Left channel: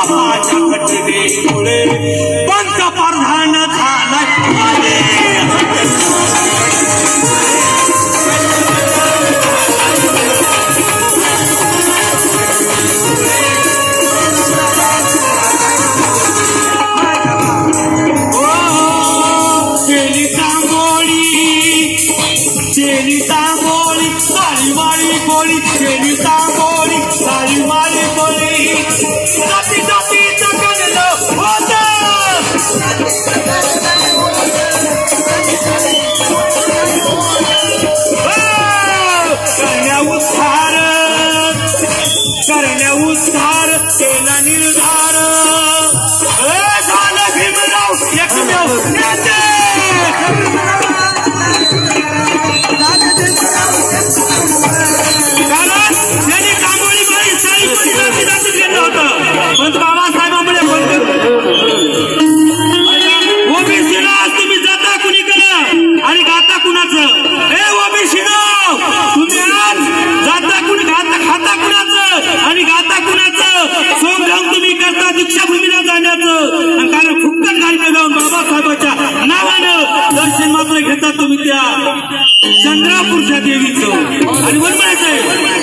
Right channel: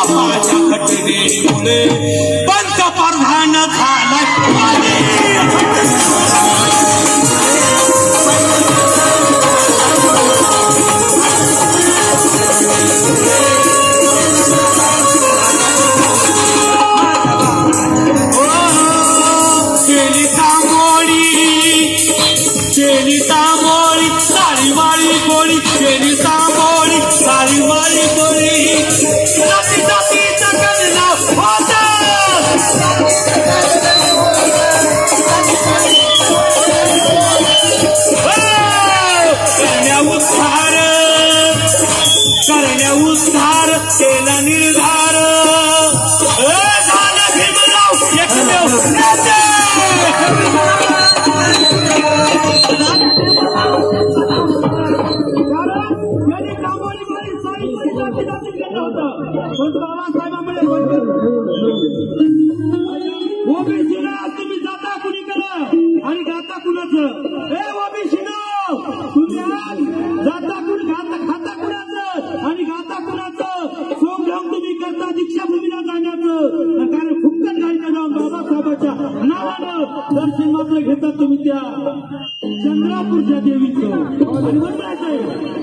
बापाच्या घटनेमुळे पंतप्रधान झाला उद्धार केला निर्धार झाला भीमराव एकमेव नेते कारण त्यांनी कांबोळी बाई साई परिवाराची दाखल केलं होतं पण बाबासाहेबांमुळे ओबीसीला तुम्ही जाता कुणीकडे आणि गाता कुणाचं हे ओबीसीला तुम्ही आज जाता कुणी खाता कुणाचं आणि गाता कुणाचं संग्राम तुम्ही करता दीक्षाभूमीला जाण्याचं कारण फुकट गाडीने जाऊन बाबासाहेबांच्या नावानं दर्शन मात्र घेता तुम्ही त्या चंद्रापूरच्या देवीचं आणि बरोबर आहे